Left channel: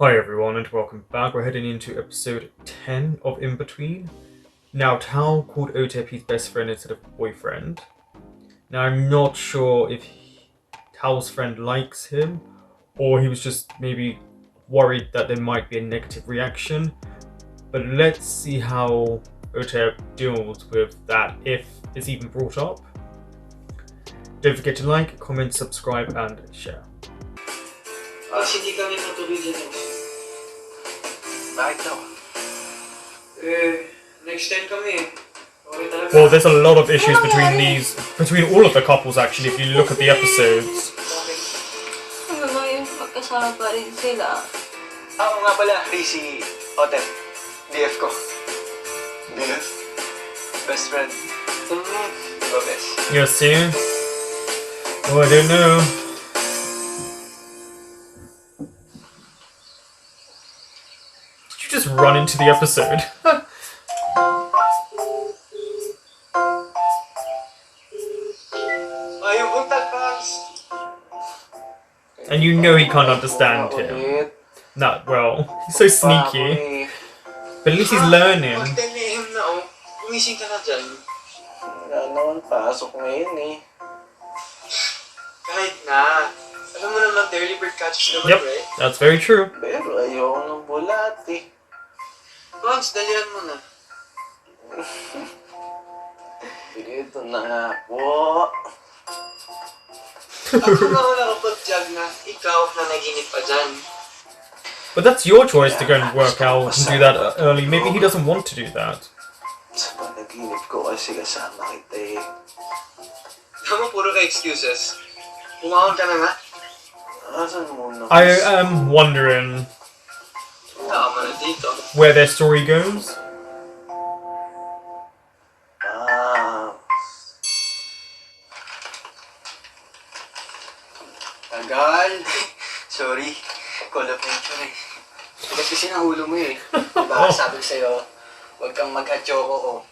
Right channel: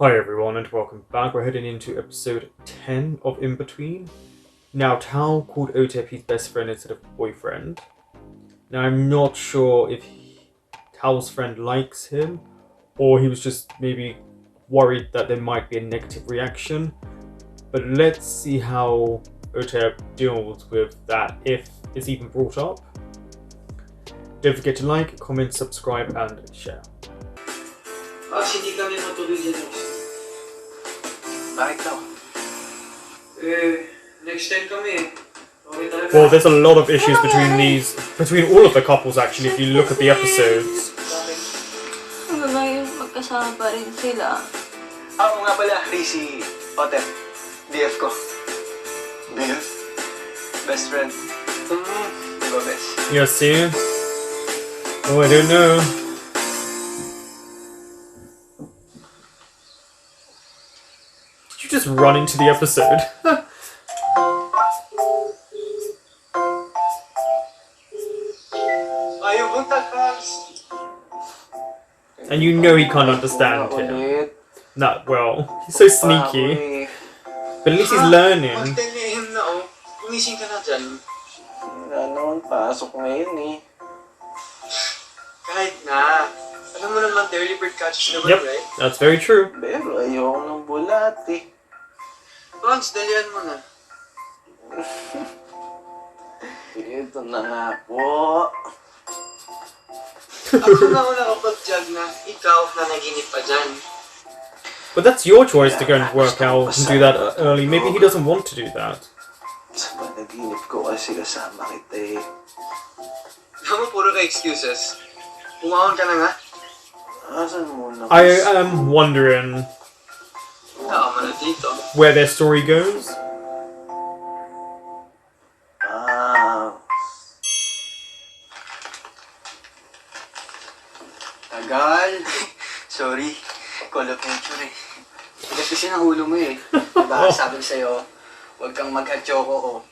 Hi everyone and welcome back. We're heading into episode 10 of In Between. Now Tao called Otep his best friend instead of boyfriend. Now I'm not sure if Tao's friend likes him or he was just maybe worried that there might be a negative reaction. But let's see how Otep deals with that if it's even brought up. Don't forget to like, comment, subscribe and share. Hindi kami matuloy dito. Bakit daw? Next time kami okay talaga. Well, there's a lot of issues between all of the couples actually, if you look at the episodes. Ngayon, magkasama pa rin sila. Oo nga pala, si Otep. BF ko. BF? Best friend. Diba best? Yes, see? Oh, I don't know. Did you just run into the episode? Ayaw buntag, Pops! And you know he can't understand him. Not well. He's so sneaky. But at least he's learning. Mag-tell him na gumising ka na dyan. Wala naman, pasok ngayon eh. Kahit na. Alam mo naman, the early bird catches naman, Yep, right? that's very true. Pero ayaw ng bulat eh. Pogs, dalihan mo na. Ito na nga po. Ako na ako nakapag-jog na ikaw na naginip pa dyan. But that's your choice to go and work out and do that early. Maybe he doesn't want to do that. Sa panaginip ko kasi kasama kita eh. Alam mo, puro ka excuses. Pumahon ka na nga. Asan mo na? I am wondering Tama na dito. where their story goes. Tagal. Sorry. Call of nature eh. Tapos kasi nahulo mo eh. Diba sabi ko sa'yo, huwag kang mag-atsoko o.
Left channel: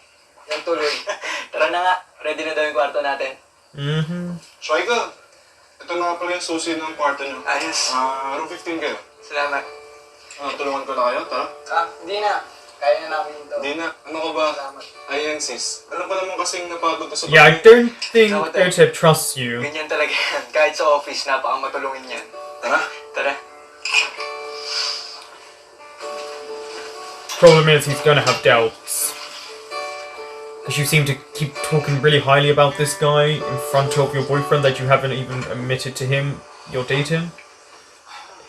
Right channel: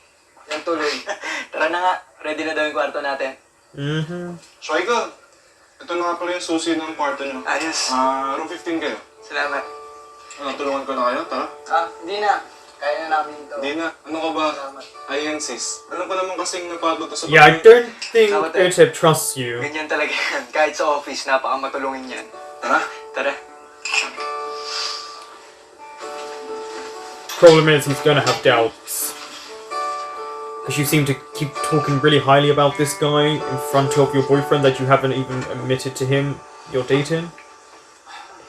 Yan tuloy. Tara na nga. Ready na daw yung kwarto natin. Shaika, ito na nga pala yung susi ng kwarto nyo. Ayos. Room 15 kayo. Salamat. Tulungan ko na kayo, tara? Hindi na. Kaya na namin ito. Hindi na. Ano ka ba? Salamat. Ayan sis. Alam ko naman kasing napagod ka sa Yeah, I don't think Otep trusts you. Ganyan talaga yan. Kahit sa office, napakamatulungin yan. Tara. Tara. Problem is he's gonna have doubts. Because you seem to keep talking really highly about this guy in front of your boyfriend that you haven't even admitted to him you're dating.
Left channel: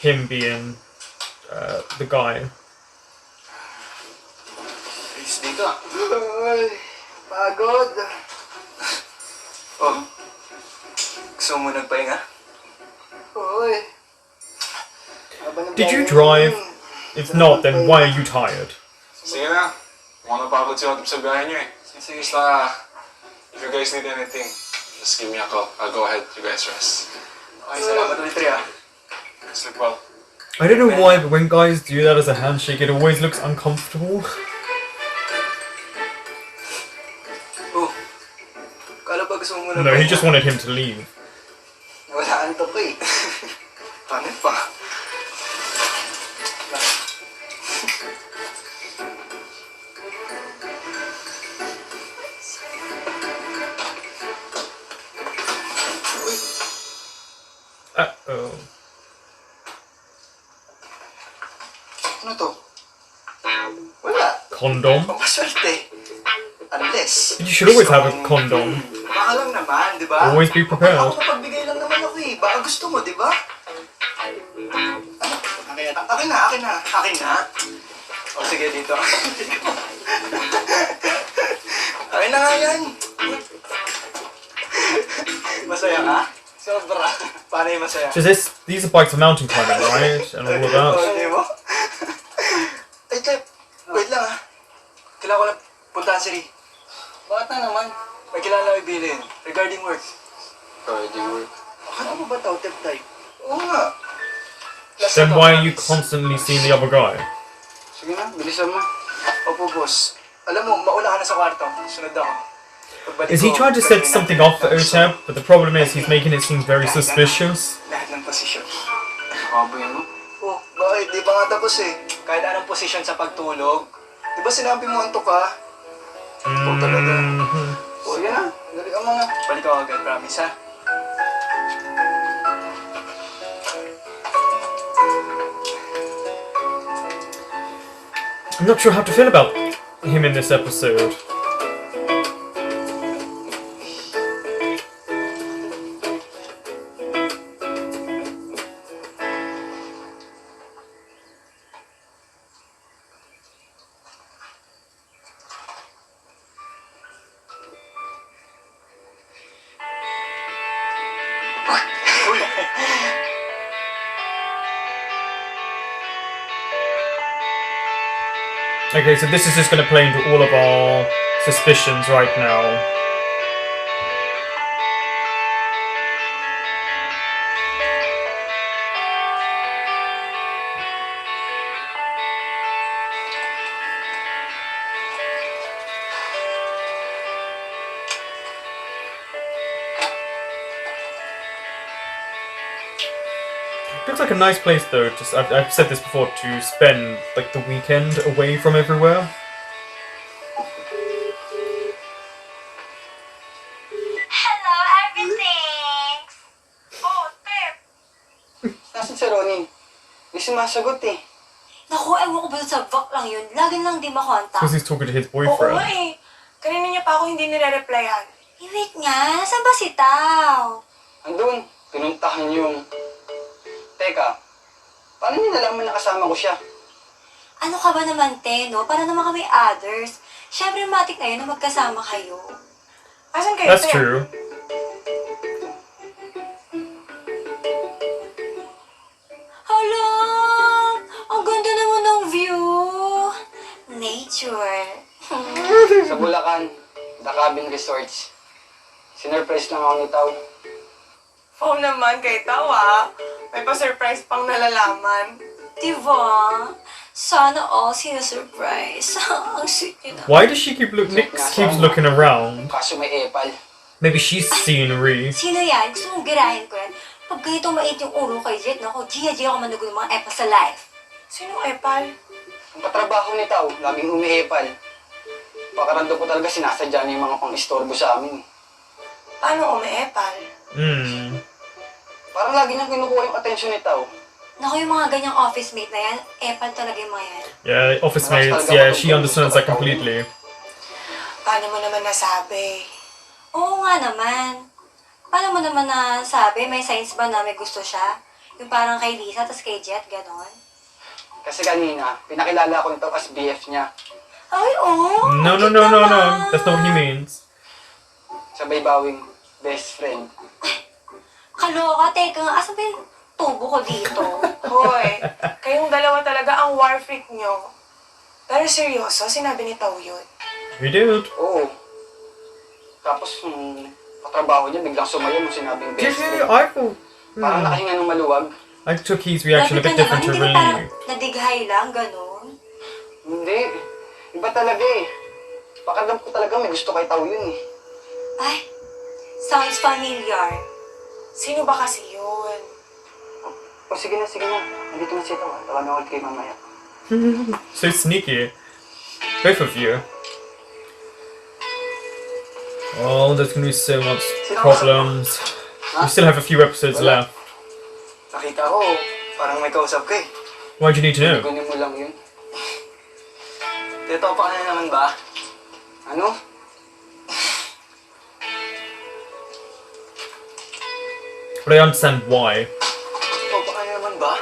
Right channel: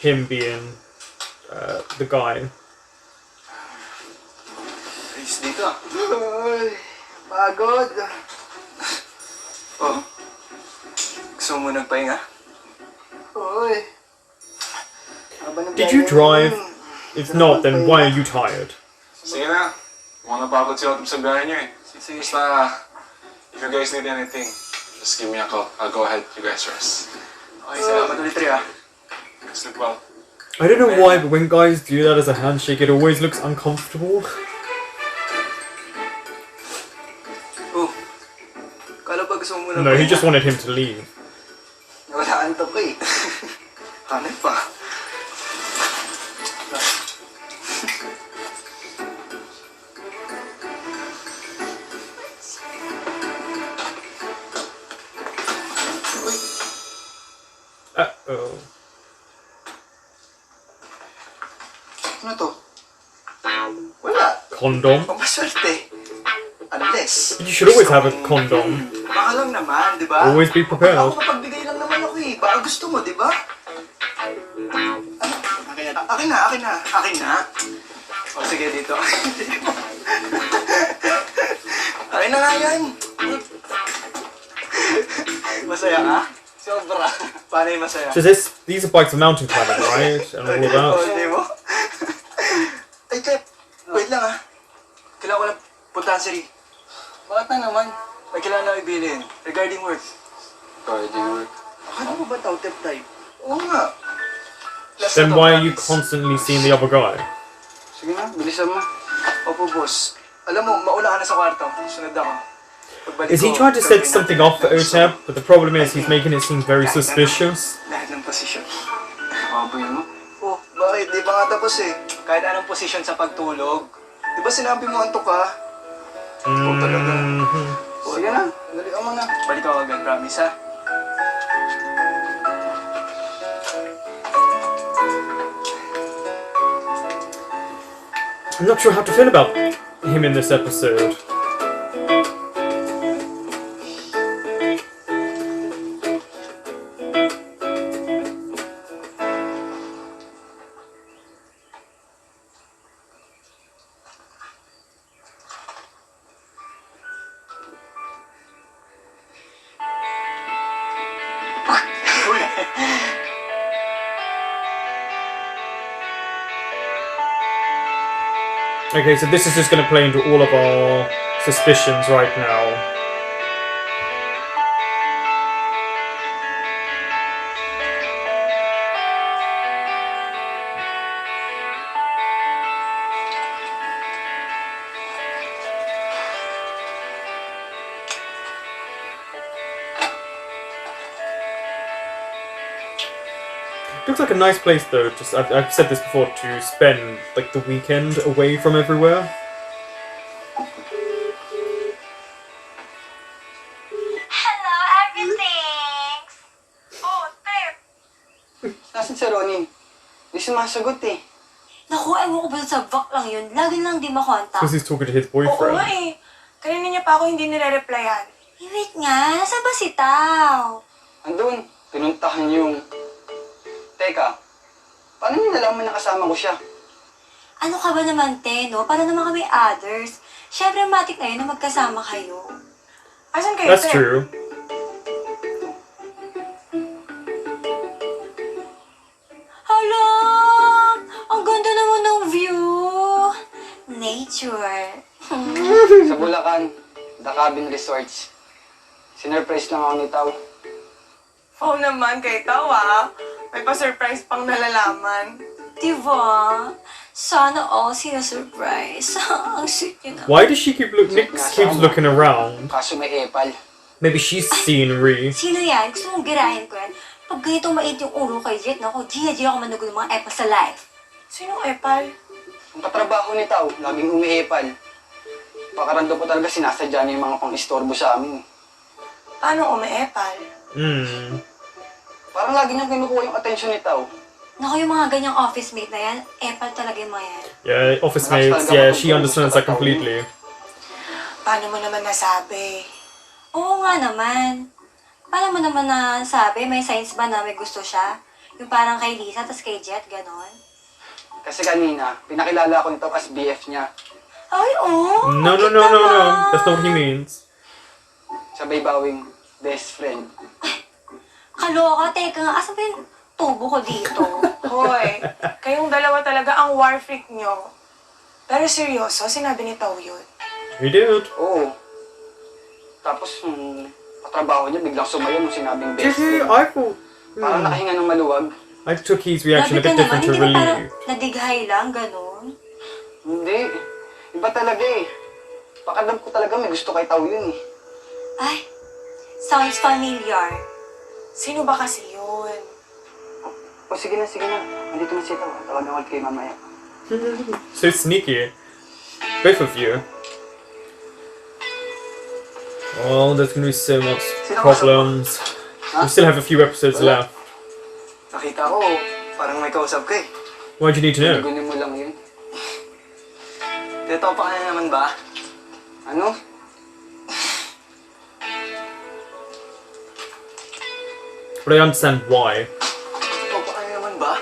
Him being the guy. Ayos dito. Ay, pagod. Oh. Gusto mo nagpahinga? Oy. Did you drive? If not, then why are you tired? Sige na. Mukhang napagod si Otep sa biyahe nyo eh. Sige. Basta, if you guys need anything, just give me a call. I'll go ahead. You guys rest. Okay, salamat ulit, Ria. Sleep well. I don't know why, but when guys do that as a handshake, it always looks uncomfortable. Oh. Kala ba gusto mo No, he just wanted him to leave. Wala antok eh. Hanay pa. Uh-oh. Ano to? Wala. Condom? Pampaswerte. Unless. You should always have a condom. Baka lang naman, di ba? Always be prepared. Ako mapagbigay lang naman ako eh. Baka gusto mo, di ba? Ano? Akin na. O sige, dito. Akin na nga yan. Masaya ka? Sobra. Paano yung masaya? So these are bikes for mountain climbing, right? And all of that. Hindi mo? Ay, Tep. Wait lang ah. Kailangan ko lang puntahan si Ri. Bakit na naman? May kailangan lang ibilin. Regarding work. Regarding work? Akala mo ba tao, Tep type? Oo nga. Last Then na to, why are you promise. constantly seeing the other guy? Sige na, bilisan mo. Opo, boss. Alam mo, mauna ka na sa kwarto. Sunod ako. Pagbalik Is he ko, trying to set gagawin something natin. up for Otep? But the problem is he's making it seem very suspicious. Lahat ng posisyon. Kaboy mo? Oh, Bakit? Di pa nga tapos eh. Kahit anong posisyon sa pagtulog. Di ba sinabi mo antok ka? Oo talaga. O yan na, dali ka muna. Balik ako agad, promise ha? I'm not sure how to feel about him in this episode. Okay, so this is just going to play into all of our suspicions right now. Looks like a nice place though. Just I've said this before, to spend like the weekend away from everywhere. Hello, everything! Oh, Pep! Nasaan si Ronnie? Di sumasagot eh. Naku, ewan ko ba sa vak lang yun? Laging lang di makontak. Because he's talking to his Oo nga boyfriend. eh. Kanina niya pa ako hindi nire-replyan. Wait nga, saan ba si Tao? Andun, pinuntahan yung... Teka, paano niyo nalaman na kasama ko siya? Ano ka ba naman, te, no? Para naman kami others. Siyempre, matik na yun na magkasama kayo. Asan kayo, That's Pep? true. Hala! Ang ganda naman ng view! Nature. Sa Bulacan, The Cabin Resorts. Sinurprise lang ako ni Tao. Oo naman kay Tawa. May pa-surprise pang nalalaman. Diba? Sana all sinusurprise. Ang sweet niya na. Why does she Nix keeps looking around? Kaso may epal. Maybe she's seen Ree. Sino yan? Gusto mong girahin ko yan? Pag ganitong mait yung ulo kay Jet, naku, Gia ako manugo ng mga epa sa life. Sinong Epal? Ang katrabaho ni Tao, laging umiepal. Pakarando ko talaga sinasadya niya yung mga pang-istorbo sa amin. Paano umi-Epal? Parang lagi niyang kinukuha yung atensyon ni Tao. Naku, yung mga ganyang office mate na yan, epal talaga yung mga yan. Yeah, office mates. Yeah, she understands that completely. Paano mo naman nasabi? Oo nga naman. Paano mo naman nasabi? May signs ba na may gusto siya? Yung parang kay Lisa, tas kay Jet, ganon? Kasi kanina, pinakilala ko nito as BF niya. Ay, oo. No. That's not what he means. Sabay bawing best friend. Kaloka, teka nga, asan ba yung tubo ko dito? Hoy, kayong dalawa talaga ang war freak nyo. Pero seryoso, sinabi ni Tao yun. He did. Oo. Tapos, katrabaho niya biglang sumayo nung sinabing best friend. I thought. Parang nakahinga ng maluwag. I took his reaction a Grabe bit ka different to naman, hindi ba parang relief. nadighay lang, ganon? Hindi. Iba talaga eh. Pakadam ko talaga may gusto kay Tao yun eh. Ay, sounds familiar. Sino ba kasi yun? O sige na. Andito na si Tao. Tawagan ulit kayo mamaya. So sneaky. Both of you. Oh, there's gonna be so much problems. We still have a few episodes left. Nakita ko, parang may kausap ka eh. Why'd you need to know? Gunin mo lang yun. Tito, pa ka na naman ba? Ano? But I understand why. Tito, pa ka na naman ba?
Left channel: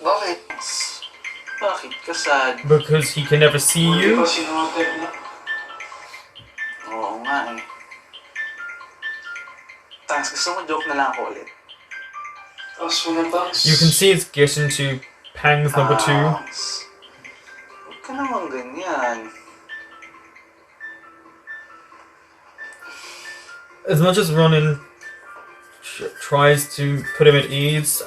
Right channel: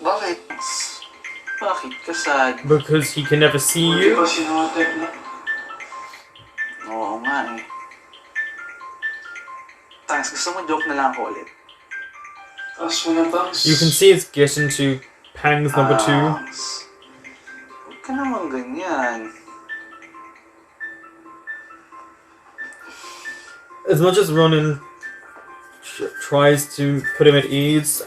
Bakit? Bakit ka sad? Because he can never see you. Oo nga eh. Thanks, gusto mo joke na lang ako ulit. You can see it's getting to Pangs number 2. Huwag ka naman ganyan. As much as Ronan tries to put him at ease,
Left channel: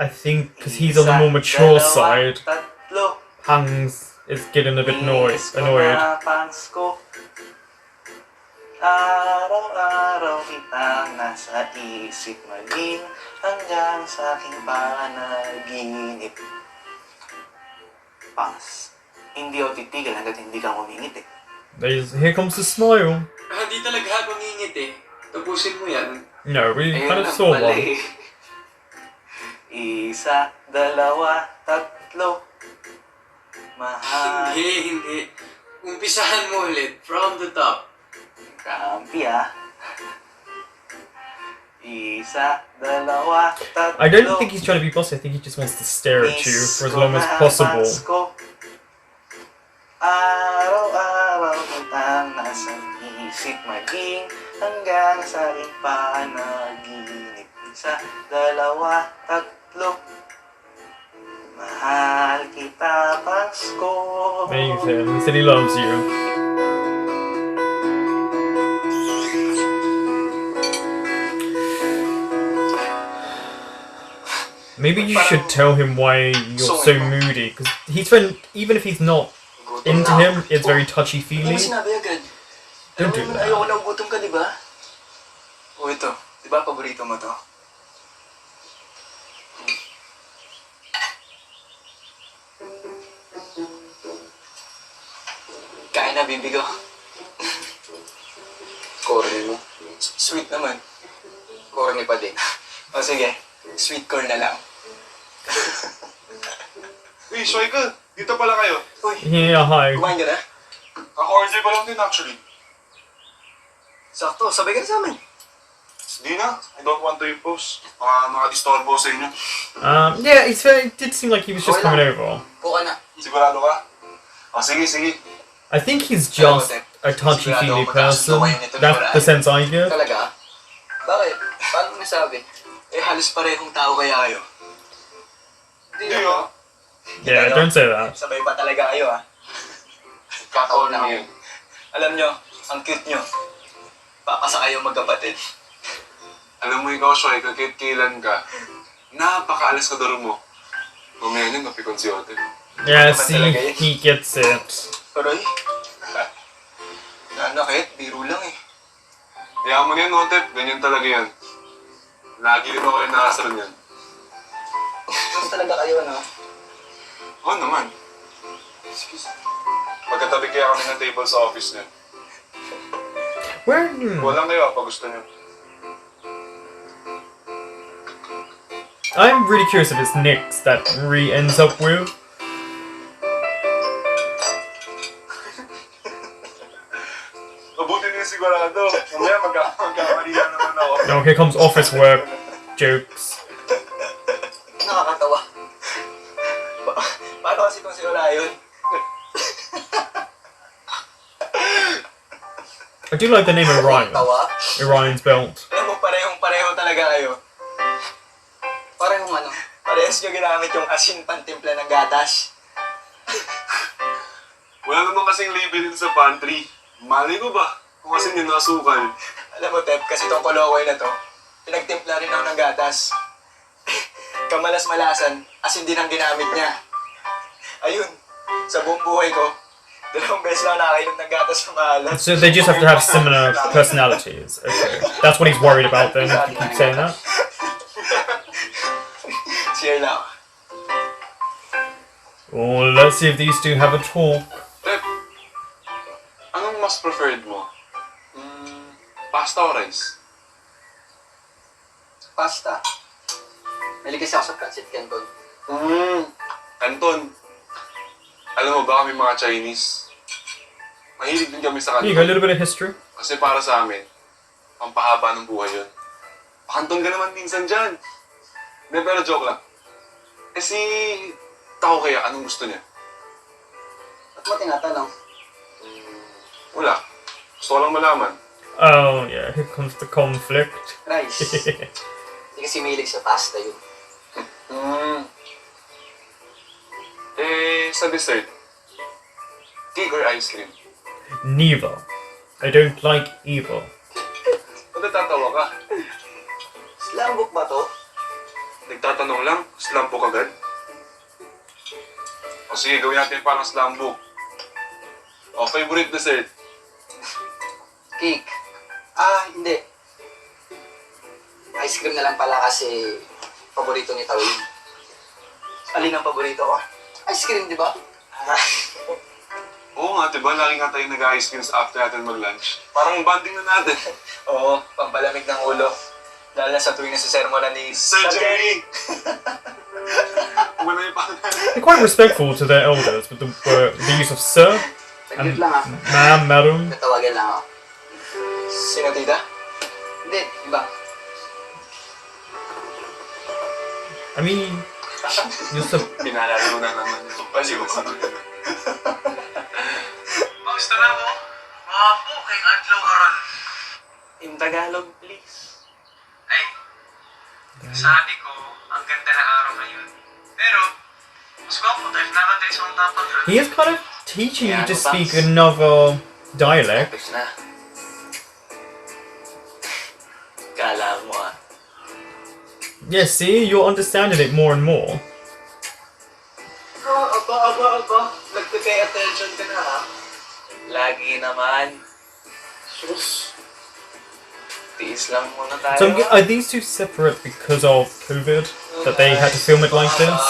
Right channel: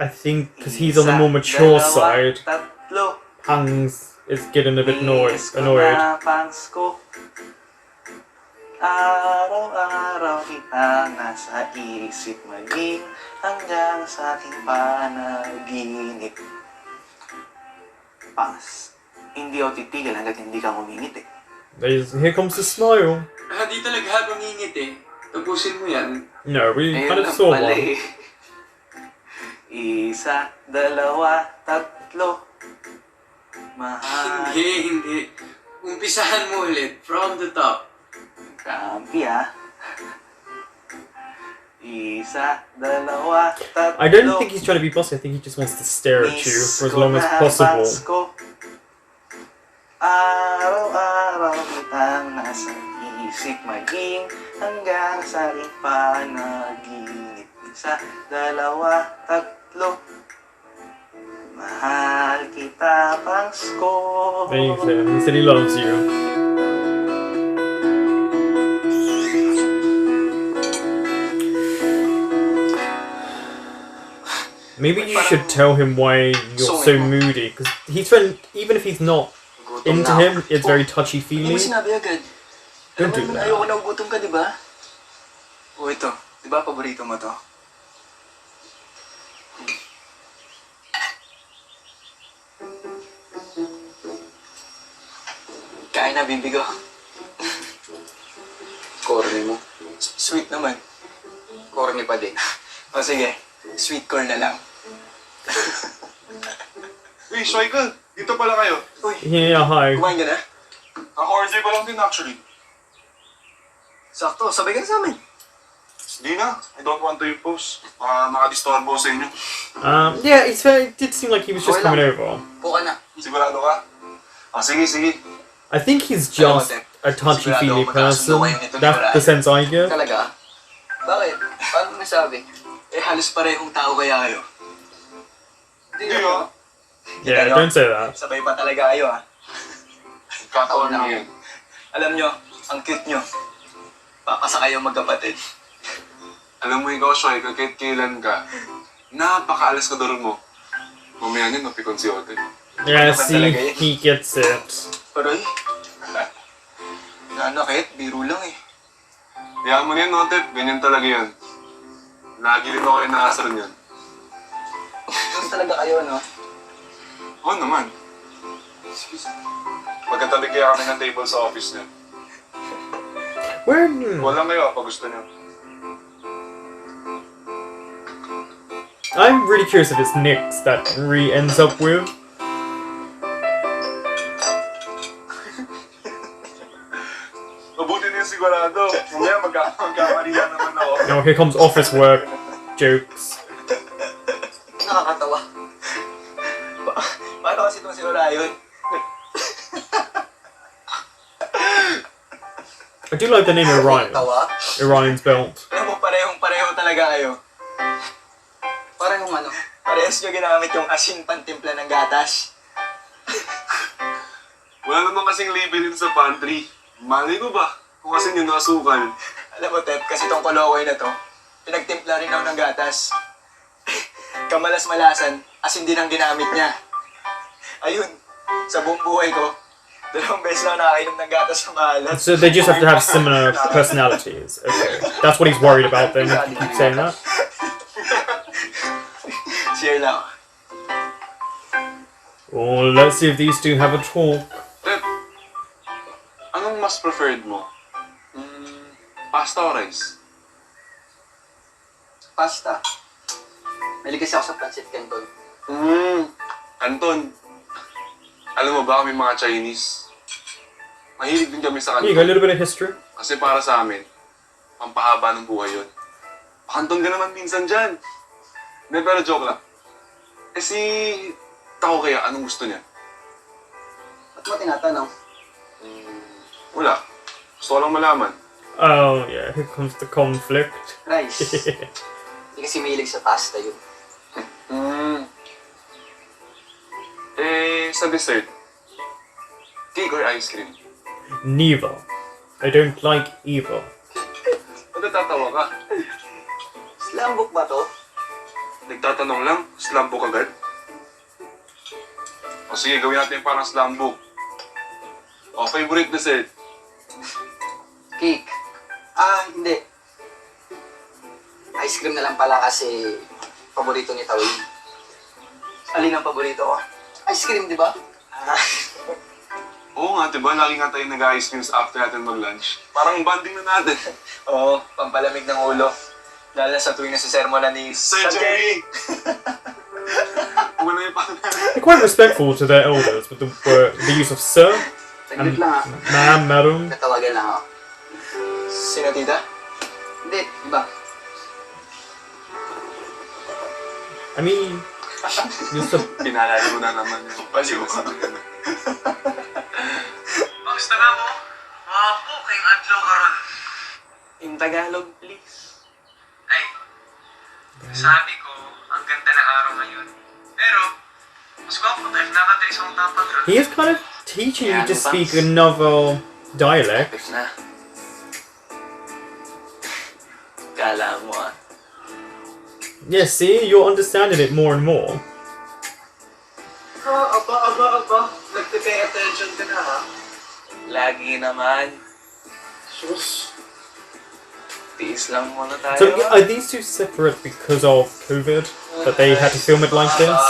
I think because he's on the more mature side, Tatlo. Pangs is getting a bit annoyed. Pants ko. Araw-araw kitang nasa isip maging hanggang sa aking panaginip. Pas, hindi ako titigil hanggat hindi ka ngumingiti. Here comes the smile. Di talaga ngumingiti. Tapusin mo yan. No, we Ayun kind of lang saw pala one. eh. Isa, dalawa, tatlo. Mahal. Hindi. Umpisahan mo ulit. From the top. Kampi ah. Isa, dalawa, tatlo. I don't think he's trying to be bossy. I think he just wants to stare at you for as long as possible. Araw-araw kitang nasa isip maging hanggang sa aking panaginip. Isa, dalawa, tatlo. Mahal kita, Pasko. Amazing. He said he loves you. Maybe you should tell him why you're so moody, because even if he's not into him, it's very touchy-feely. Sinabi agad. Don't do Alam mo naman, that. ayoko nang gutom ka, di ba? O ito, di ba paborito mo to? Kain na, bibigo. Corny mo. Sweet naman. Corny pa din. O sige, sweet corn na lang. Uy, Shoyka! Dito pala kayo. Uy, Yeah, hi. kumain ka na? Kaka-order ko lang din actually. Sakto, sabay ka na sa amin. Hindi na. I don't want to impose. Baka makadistorbo sa inyo. Yeah, it did seem like he was just coming over. Buka na. Sigurado ka? Sige. I think he's just a touchy-feely person. That's the sense I get. Talaga? Bakit? Paano mo nasabi? Halos parehong tao kaya kayo. Hindi yun. Yeah, don't say that. Sabay pa talaga kayo, ah. Kataon lang yun. Alam nyo, ang cute nyo. Papasa kayo magkapatid. Alam mo ikaw, Shoyka, kahit kailan ka, napakaalas ka daro mo. Mamaya niyan, mapikon si Ote. Yeah, see, he gets it. Paroy? Nanakit, biro lang eh. Kaya mo na yan, Ote. Ganyan talaga yan. Lagi rin ako inaasar niyan. Mas talaga kayo, no? Oo naman. Magkatabi kaya kami ng table sa office niya. Where? Walang kayo pag gusto niyo. I'm really curious if it's Nick's that Ree ends up with. Mabuti na yung sigurado. Mamaya magkakarila naman ako. Now here comes office work jokes. Nakakatawa. Paano kasi kung si Orion? I do like the name Orion. Tawa? Orion's belt. Alam mo, parehong-pareho talaga kayo. Parehong ano? Parehas nyo ginamit yung asin pantimpla ng gatas. Wala naman kasing label din sa pantry. Malay ko ba? Kung kasi yun nasukal. Alam mo, Tep, kasi tong kolokoi na to, pinagtimpla rin ako ng gatas. Kamalas-malasan, asin din ang ginamit niya. Ayun, sa buong buhay ko, 2 beses lang nakakainom ng gatas na maalat. So they just have to have similar personalities. Okay. That's what he's worried about then, if you keep saying that. Share lang. Oh, let's see if these two have a talk. Pep, anong mas preferred mo? Pasta o rice? Pasta. Mahilig kasi ako sa pancit canton. Anton, alam mo ba kami mga Chinese? Mahilig din kami sa Here you go, a kanton. little bit of history. Kasi para sa amin, pampahaba ng buhay yun. Pakanton ka naman minsan dyan. Hindi, pero joke lang. Eh si tao kaya, anong gusto niya? Ba't mo tinatanong? Wala. Gusto ko lang malaman. Oh yeah, here comes the conflict. Rice. Hindi kasi mahilig sa pasta yun. Eh, sa dessert, cake or ice cream? Neither. I don't like either. Ba't natatawa ka? Slam book ba to? Nagtatanong lang, slam book agad? O sige, gawin natin parang slam book. O, favorite dessert? Cake. Hindi. Ice cream na lang pala kasi paborito ni Tao yun. Alin ang paborito ko? Ice cream, di ba? Oo nga, diba? Lagi nga tayo nag-ice creams after natin mag-lunch. Parang bonding na natin. Oo, pampalamig ng ulo. Lalo na sa tuwing nasa-sermonan ni Sir Jerry! Wala yung They're quite respectful to their elders with the use of sir and Saglit lang ma'am, madam. Natawagan lang ako. Sino, tita? Hindi, iba. I mean, just a Pinalala mo na naman yung baliw ka. Basta na mo. Wapo, kayong adlaw karon. In Tagalog, please. Ay, sabi ko, ang ganda na araw ngayon. Pero, mas gwapo tayo, nakatay sa mga tapat ron. he is kind of teaching you to speak another dialect. Tapos na. Kala mo Yes, see, you're understanding it more and more. Aba. Nagpe-pay attention ka na, ha? Lagi naman. Sus. Tiis lang muna tayo. So are these two separate because of COVID? That they had to film it like this?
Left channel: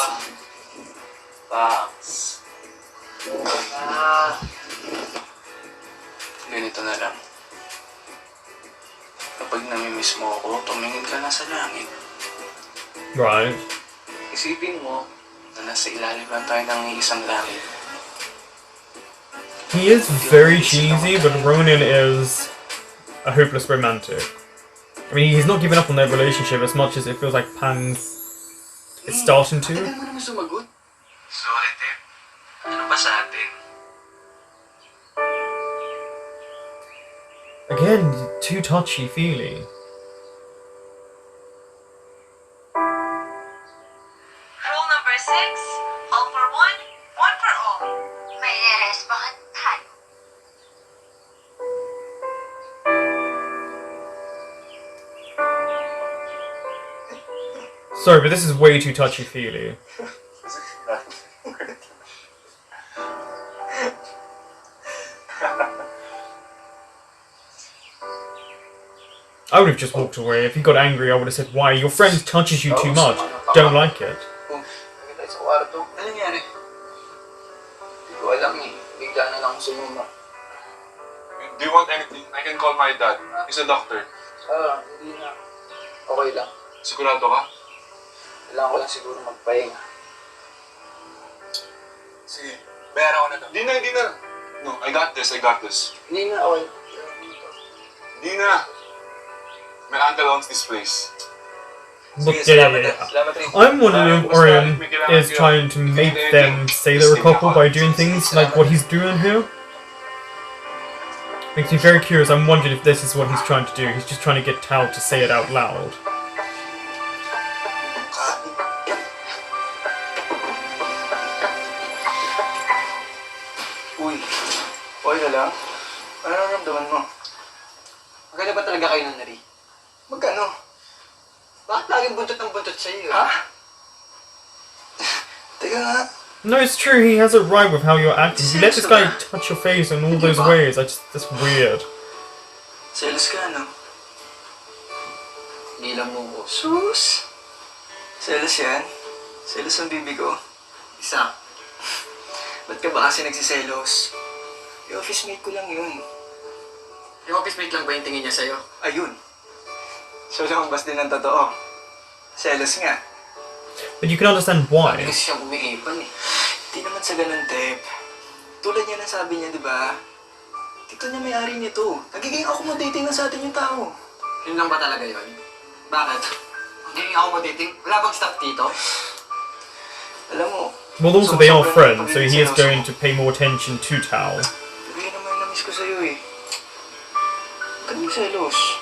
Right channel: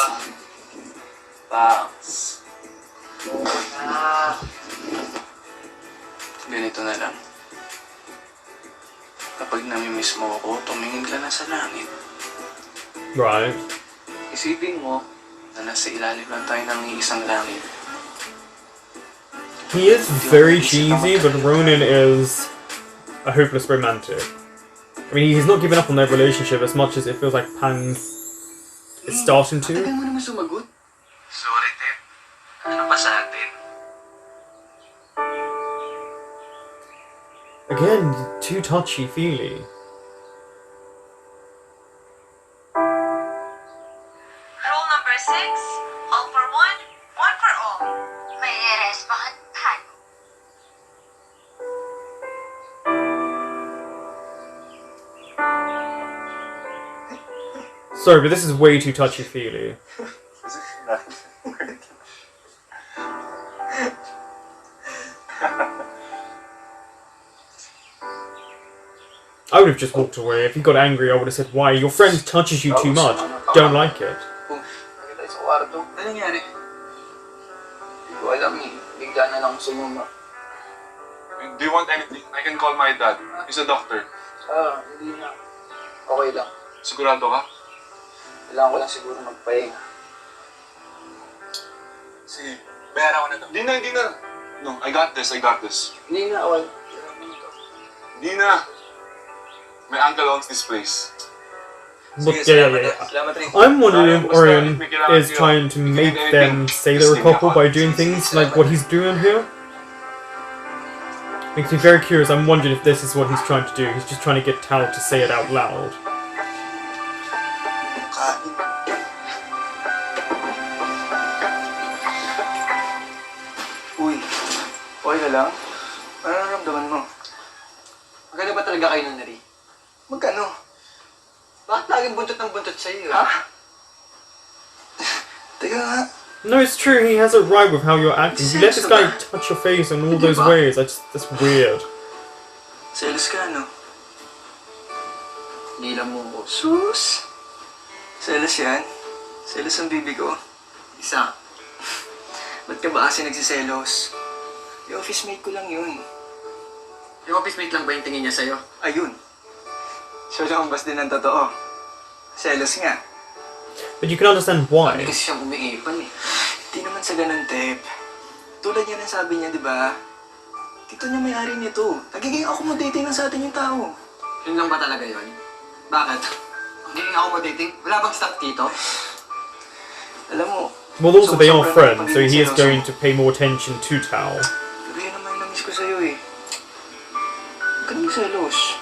Thanks. Ganito na lang. Kapag namimiss mo ako, tumingin ka na sa langit. Right. Isipin mo na nasa ilalim lang tayo ng isang langit. He is very cheesy, but Ronan is a hopeless romantic. I mean, he's not giving up on their relationship as much as it feels like Pan is starting to. Matagal mo naman sumagot. Sorry, Tep. Ano ba sa atin? Again, too touchy-feely. Rule number 6, all for one for all. May respondan. Sorry, but this is way too touchy-feely. I would have just walked away. If he got angry, I would have said, why? Your friend touches you too much. Don't like it. Kami tayo sa kwarto. Ano nangyari? Hindi ko alam eh. Bigla na lang sumuma. Do you want anything? I can call my dad. He's a doctor. Hindi na. Okay lang. Sigurado ka? Kailangan ko lang siguro magpahinga. Sige, bayaran ko na to. Hindi na. No, I got this. Hindi nga, okay. Hindi na. My uncle owns this place. But yeah. Salamat rin. I'm wondering if Orion is trying to make them say they're a couple by doing things like what he's doing here. Makes me very curious. I'm wondering if this is what he's trying to do. He's just trying to get Tao to say it out loud. Uy, okay na lang? Ano nararamdaman mo? Maganda ba talaga kayo ng Nari? Magkano? Bakit laging buntot ng buntot sa'yo? Ha? Teka nga. No, it's true. He has it right with how you're acting. You let this guy touch your face in all those ways. That's weird. Selos ka, no? Hindi lang mo ko. Sus! Selos yan? Selos ang bibi ko? Isa. Ba't ka ba kasi nagsiselos? Yung office mate ko lang yun. Yung office mate lang ba yung tingin niya sa'yo? Ayun. So lumabas din ang totoo. Selos nga. But you can understand why. Hindi kasi siya umiipan eh. Hindi naman sa ganun, Tep. Tulad niya na sabi niya, di ba? Tito niya may-ari nito. Nagiging accommodating na sa atin yung tao. Yun lang ba talaga yun? Bakit? Magiging accommodating? Wala bang staff dito? Alam mo, Well, also they are friends, so he is going to pay more attention to Tao. pero yun naman yung na-miss ko sa'yo eh. Huwag ka nang selos.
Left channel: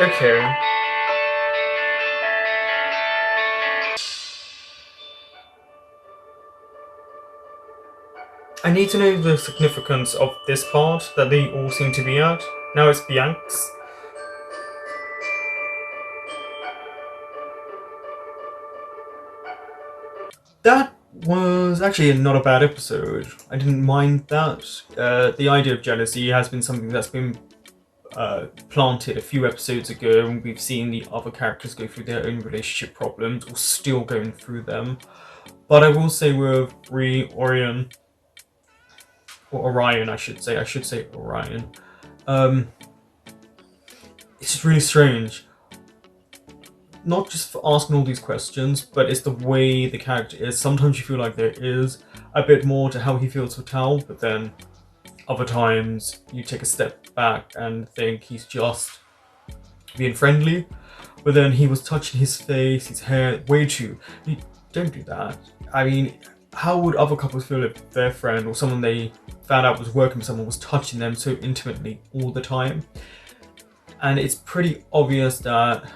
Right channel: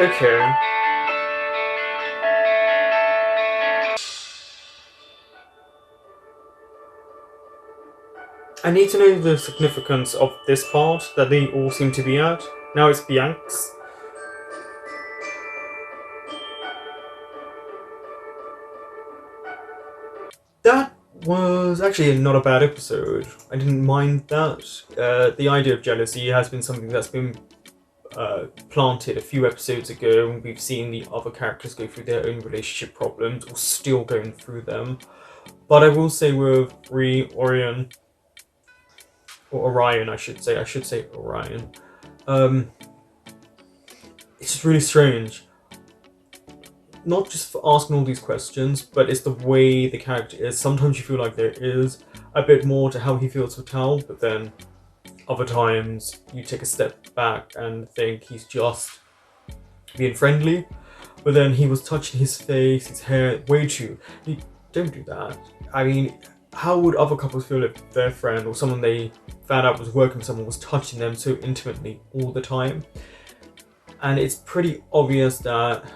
Okay. I need to know the significance of this part that they all seem to be at. Now it's Bianx. That was actually not a bad episode. I didn't mind that. The idea of jealousy has been something that's been planted a few episodes ago, and we've seen the other characters go through their own relationship problems, or still going through them. But I will say with Orion, I should say Orion, it's just really strange. Not just for asking all these questions, but it's the way the character is. Sometimes you feel like there is a bit more to how he feels for Tal, but then other times you take a step back and think he's just being friendly. But then he was touching his face, his hair, way too. You don't do that. I mean, how would other couples feel if their friend or someone they found out was working with someone was touching them so intimately all the time? And it's pretty obvious that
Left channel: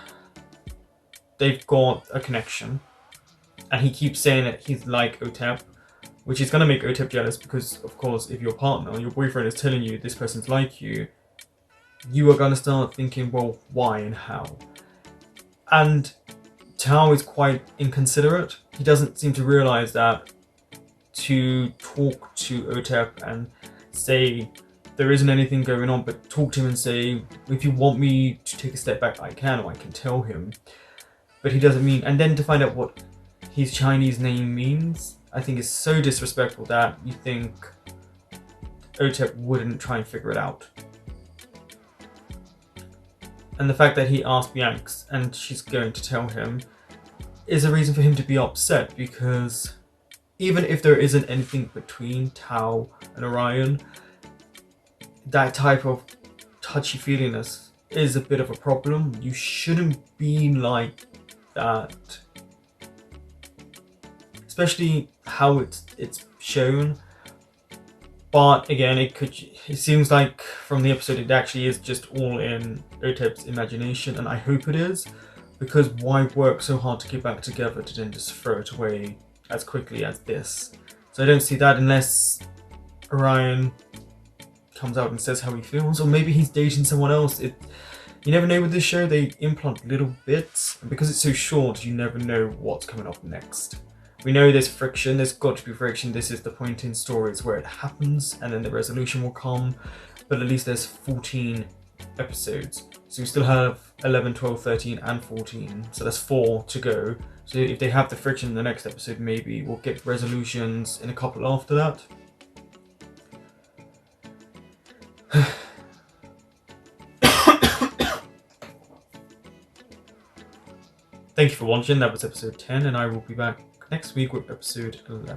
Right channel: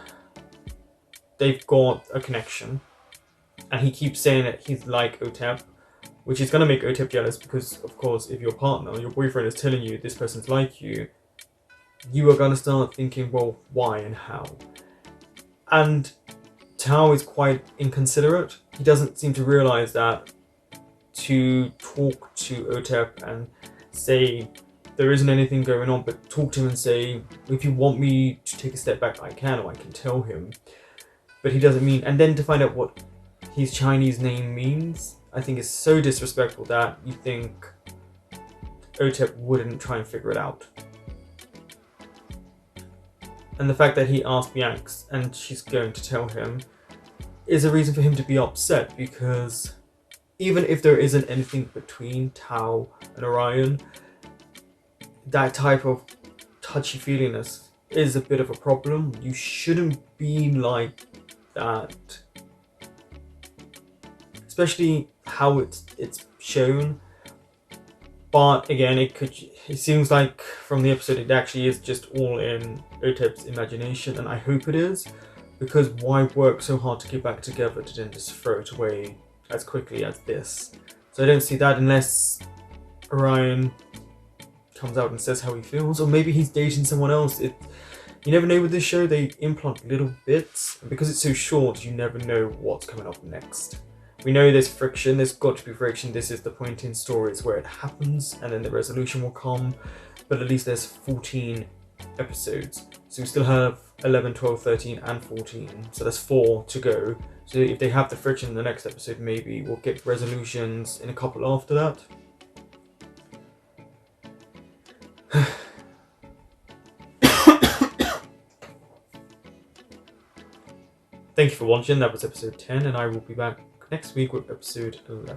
they've got a connection, and he keeps saying that he's like Otep, which is going to make Otep jealous because, of course, if your partner, your boyfriend is telling you this person's like you, you are going to start thinking, well, why and how? And Tao is quite inconsiderate. He doesn't seem to realize that to talk to Otep and say there isn't anything going on, but talk to him and say, if you want me to take a step back, I can, or I can tell him. But he doesn't mean, and then to find out what his Chinese name means, I think is so disrespectful that you think Otep wouldn't try and figure it out. And the fact that he asked Bianx and she's going to tell him is a reason for him to be upset, because even if there isn't anything between Tao and Orion, that type of touchy-feeliness is a bit of a problem. You shouldn't be like that, especially how it's shown. But again, it seems like from the episode it actually is just all in Otep's imagination, and I hope it is, because why work so hard to get back together to then just throw it away as quickly as this? So I don't see that unless Orion comes out and says how he feels, or maybe he's dating someone else. You never know with this show, they implant little bits, and because it's so short, you never know what's coming up next. We know there's friction, there's got to be friction, this is the point in stories where it happens, and then the resolution will come, but at least there's 14 episodes. So we still have 11, 12, 13, and 14, so there's 4 to go. So if they have the friction in the next episode, maybe we'll get resolutions in a couple after that. Thank you for watching. That was episode 10, and I will be back next week with episode 11.